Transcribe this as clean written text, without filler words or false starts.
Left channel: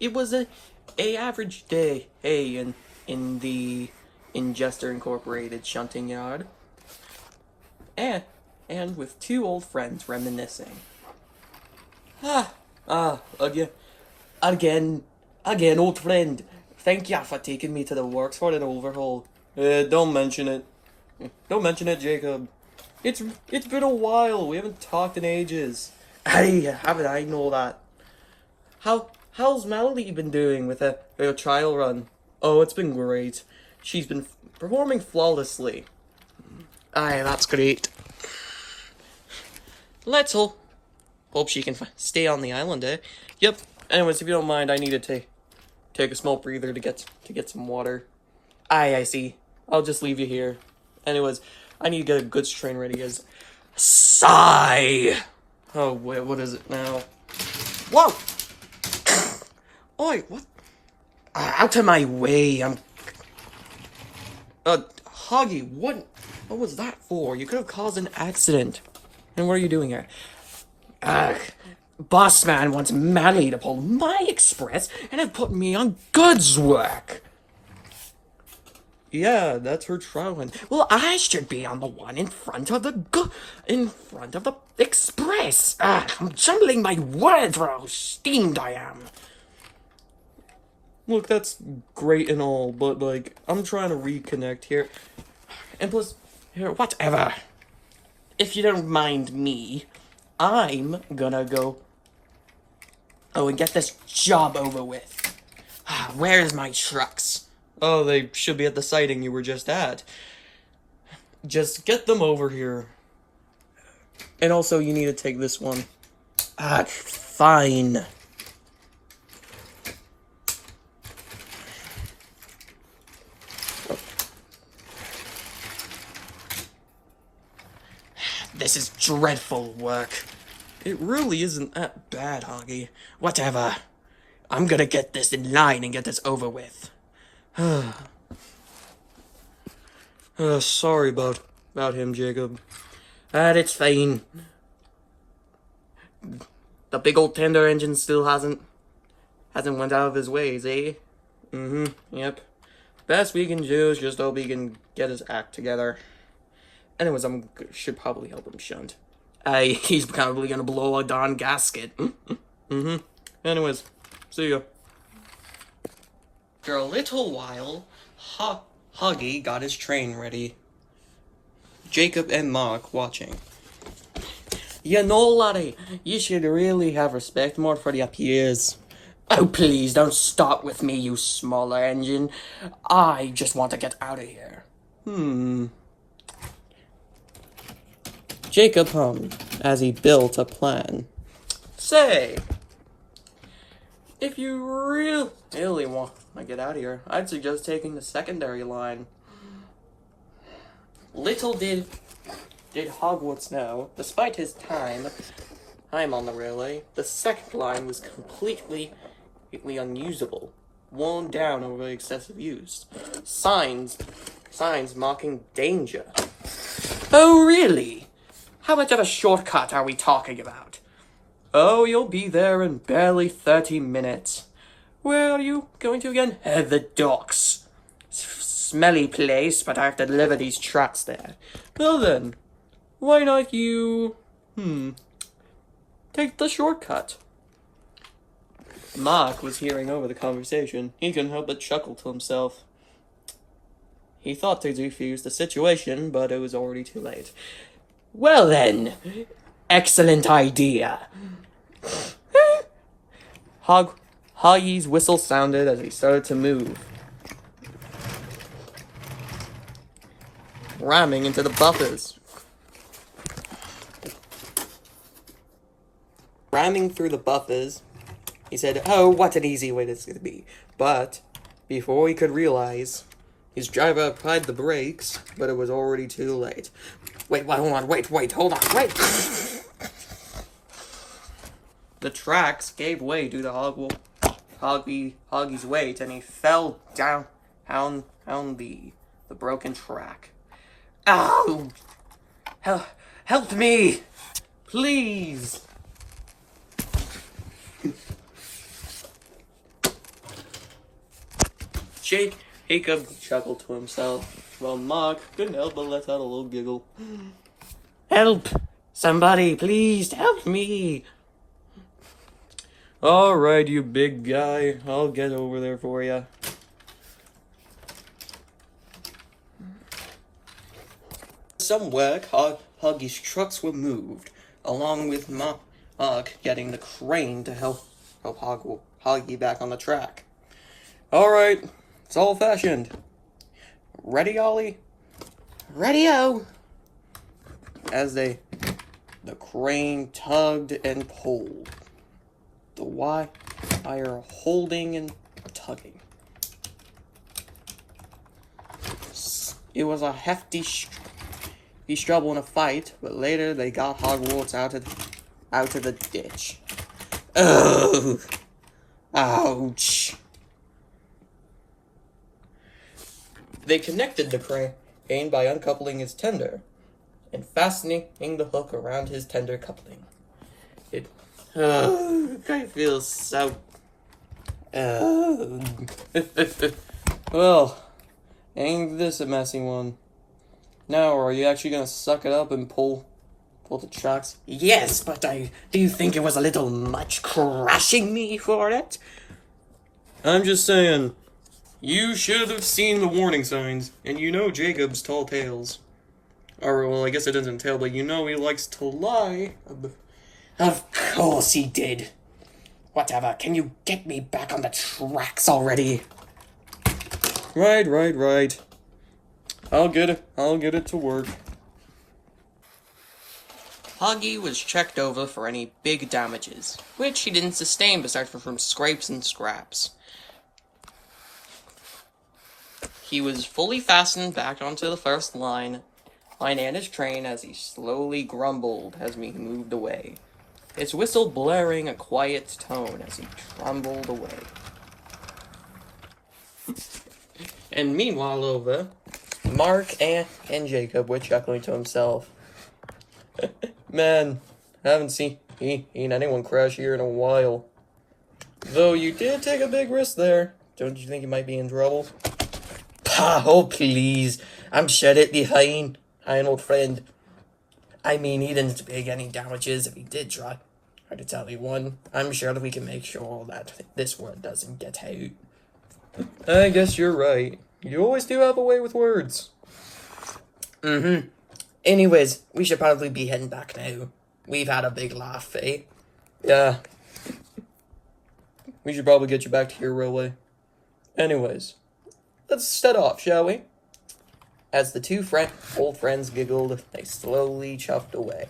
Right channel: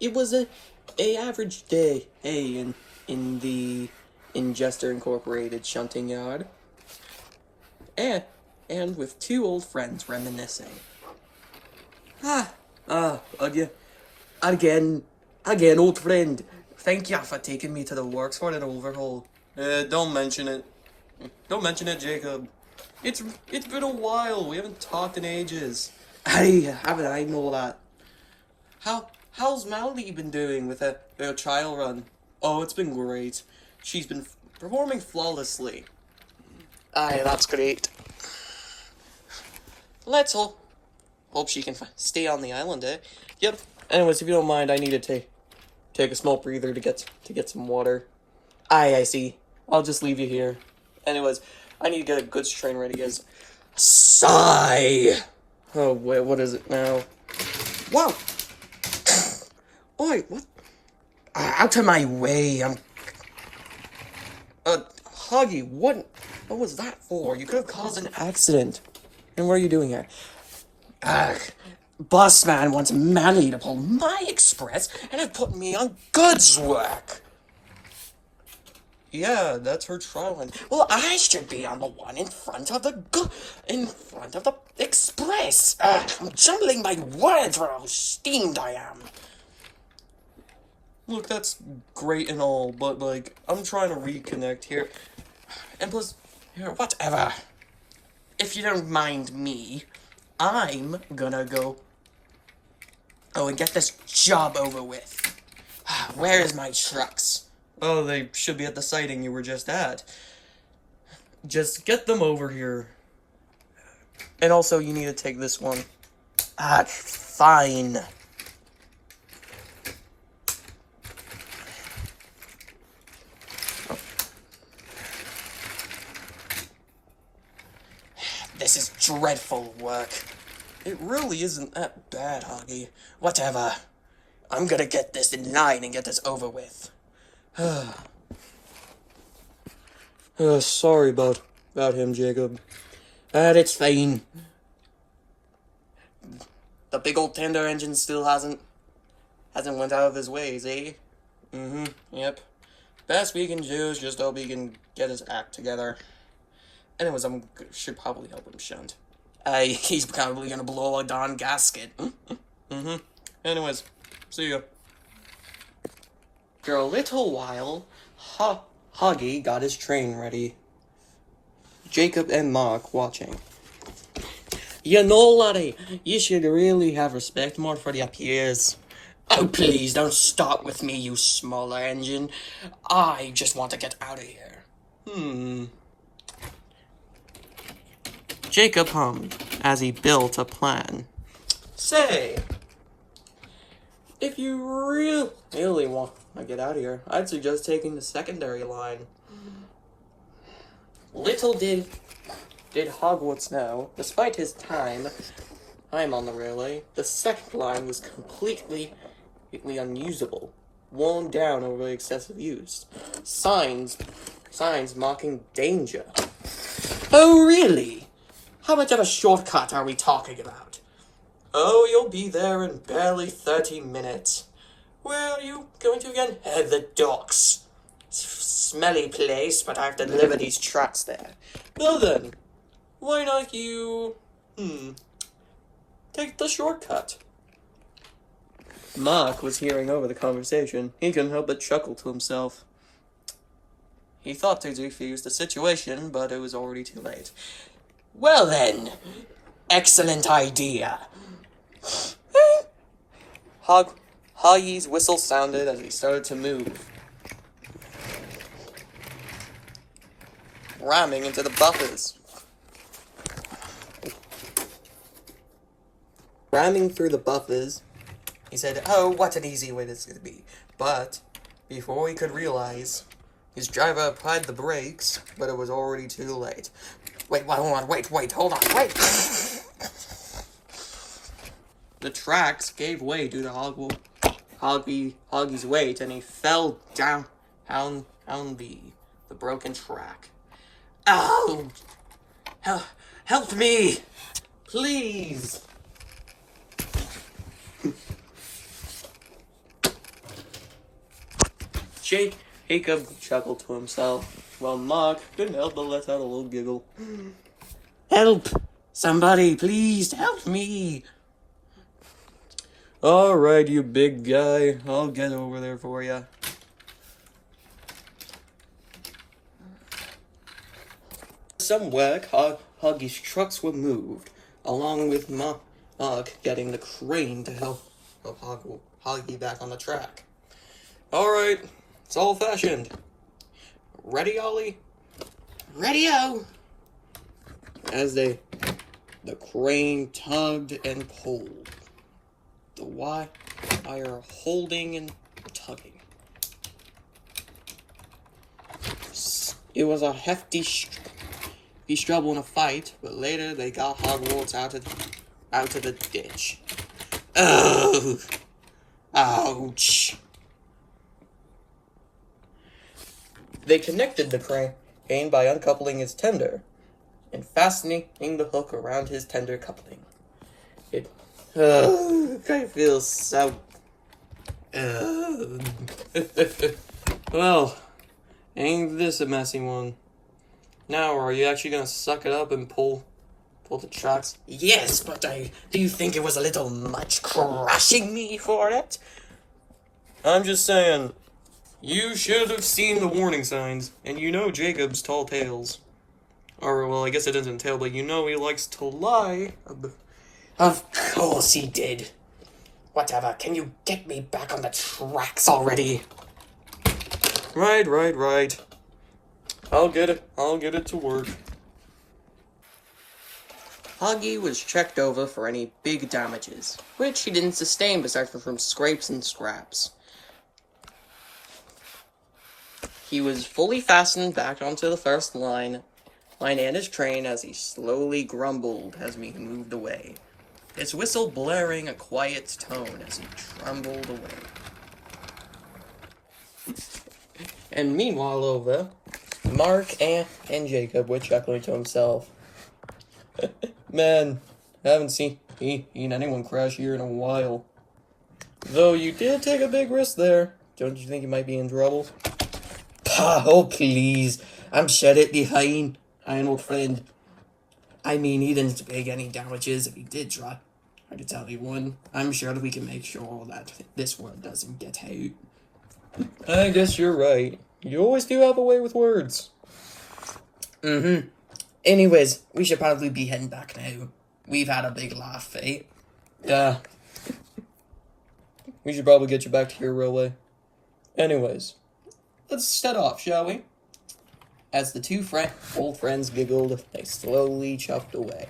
It was a average day, in Jester Incorporated Shunting Yard, and with two old friends reminiscing. Again, old friend. Thank ya for taking me to the works for an overhaul. Don't mention it. Don't mention it, Jacob. It's been a while. We haven't talked in ages. Hey, haven't I know that? How's Melody been doing with her trial run? Oh, it's been great. She's been performing flawlessly. Aye, that's great. Let's hope she can stay on the island, eh? Yep. Anyways, if you don't mind, I need to take a small breather to get some water. Aye, I see. I'll just leave you here. Anyways, I need to get a goods train ready, guys. Sigh! Oh, wait, what is it now? Whoa! Oi, what? Out of my way, Huggy, what was that for? You could have caused an accident. And what are you doing here? Boss man wants Manny to pull my express and have put me on goods work. Yeah, that's her trial run. Well, I should be on the one in front of the express. I'm jumbling my words for how steamed I am. Look, that's great and all, but, like, I'm trying to reconnect here. And plus, whatever. If you don't mind me, I'm gonna go and get this job over with. Where's my trucks? Oh, they should be at the sighting you were just at. Just get them over here. And also, you need to take this one. Fine. This is dreadful work. It really isn't that bad, Hoggy. Whatever. I'm gonna get this in line and get this over with. Sorry about him, Jacob. It's fine. The big old tender engine still hasn't went out of his ways, eh? Yep. Best we can do is just hope he can get his act together. Anyways, should probably help him shunt. He's probably gonna blow a darn gasket. Anyways, see ya. After a little while, Hoggy got his train ready. Jacob and Mark watching. You know, laddie, you should really have respect more for your peers. Oh, please, don't start with me, you smaller engine. I just want to get out of here. Jacob hummed as he built a plan. Say, if you really want to get out of here, I'd suggest taking the secondary line. Little did Hogwarts know, despite his time on the railway, the second line was completely unusable, worn down over excessive use. Signs marking danger. Oh, really? How much of a shortcut are we talking about? Oh, you'll be there in barely 30 minutes. Where are you going to again? The docks. Smelly place, but I have to deliver these trucks there. Well then, why not you, take the shortcut? Mark was hearing over the conversation. He couldn't help but chuckle to himself. He thought to defuse the situation, but it was already too late. Well then, excellent idea. Hoggy's whistle sounded as he started to move, ramming into the buffers. Ramming through the buffers, he said, "Oh, what an easy way this is to be." But before he could realize, his driver applied the brakes, but it was already too late. Wait, hold on, wait, hold on, wait! The tracks gave way due to Hoggy's weight, and he fell down the broken track. Ow! Help me! Please! Jacob chuckled to himself, while Mark couldn't help but let out a little giggle. Help! Somebody, please help me! Alright, you big guy. I'll get over there for you. Some work, Huggy's trucks were moved, along with Mark getting the crane to help Huggy back on the track. Alright, it's old-fashioned. Ready, Ollie? Ready-o! As the crane tugged and pulled, the wire holding and tugging. It was a hefty struggle in a fight, but later they got Hogwarts out of the ditch. Ugh! Ouch! They connected the crane by uncoupling its tender and fastening the hook around his tender coupling. I feel so... Well, ain't this a messy one? Now, are you actually gonna suck it up and pull the tracks? Yes, but do you think it was a little much crashing me for it? I'm just saying, you should have seen the warning signs, and you know Jacob's tall tales. Or, well, I guess it doesn't tell, but you know he likes to lie. Of course he did. Whatever, can you get me back on the tracks already? Right. I'll get it to work. Huggy was checked over for any big damages, which he didn't sustain besides from scrapes and scraps. He was fully fastened back onto the first line and his train as he slowly grumbled as we moved away, his whistle blaring a quiet tone as he trembled away. And meanwhile over, Mark and Jacob were chuckling to himself. Man, I haven't seen anyone crash here in a while. Though you did take a big risk there. Don't you think you might be in trouble? Oh, please. I'm sure it'd be fine, old friend. I mean, he didn't take any damages if he did try to tell anyone. I'm sure that we can make sure that this word doesn't get out. I guess you're right. You always do have a way with words. Anyways, we should probably be heading back now. We've had a big laugh, eh? Yeah. We should probably get you back to your railway. Anyways, let's set off, shall we? As the two old friends giggled, they slowly chuffed away.